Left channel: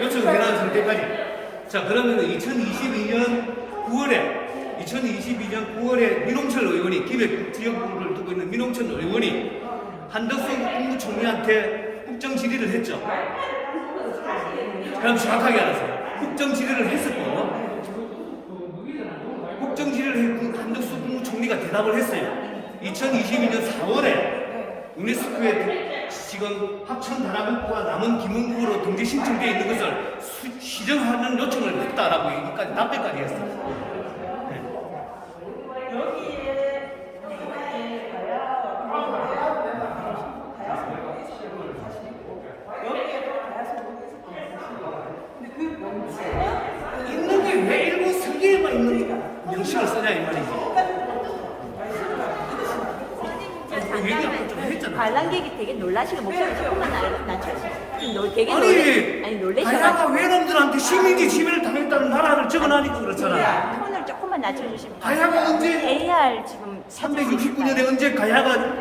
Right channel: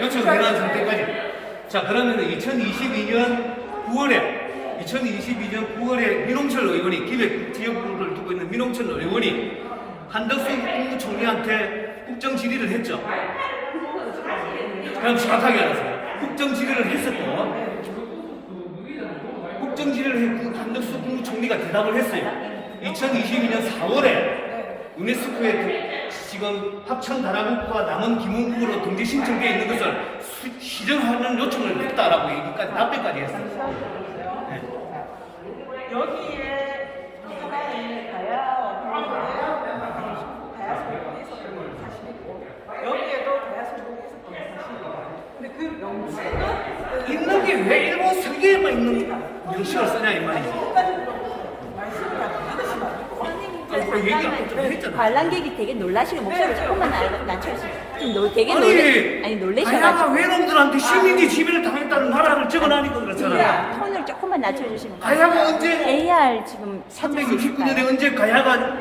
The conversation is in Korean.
요청을 해놨는 상태까지. 자, 그러면 2022년 9월에 2022년 9월에 민홍철 의원이 기획 지역구를 두고 있는 민홍철 의원이 한덕수 국무총리한테 국정 질의를 했죠. 그럼 정확하게 알았어요. 국정 질의를 했었고 국정 질의를 했고 한덕수 국무총리가 대답을 했어요. 2022년 4월에 유네스코에 지금 합천 다라국과 남원 김원국으로 등재 신청되어 있는 것을 수- 시정하는 요청을 했다라고 얘기까지 답변까지 했어요. 네. 여기에 하나에 가야 가야 소복이 있었던 건 사실이고 여기에도 가야 소복이 있었던 건 사실이고 근데 그 명칭은 있는 게 왜 일본 설계에만 있는 명식을 쓰냐 이. 말씀을 그 얘기 아까 좀 했잖아요. 관람객이 되게 놀라시는 네, 목소리를 그렇죠. 조금만 낮춰주세요. 좀 놀- 되게 놀래, 아니 아니 놀래시는 가야가 외놈들한테 시민이 지배를 당했다는 나라를 적어놔니까 그렇잖아요. 톤을 조금만 낮춰주시면 가야가 언제 AR 지금 369년에 언제 가야가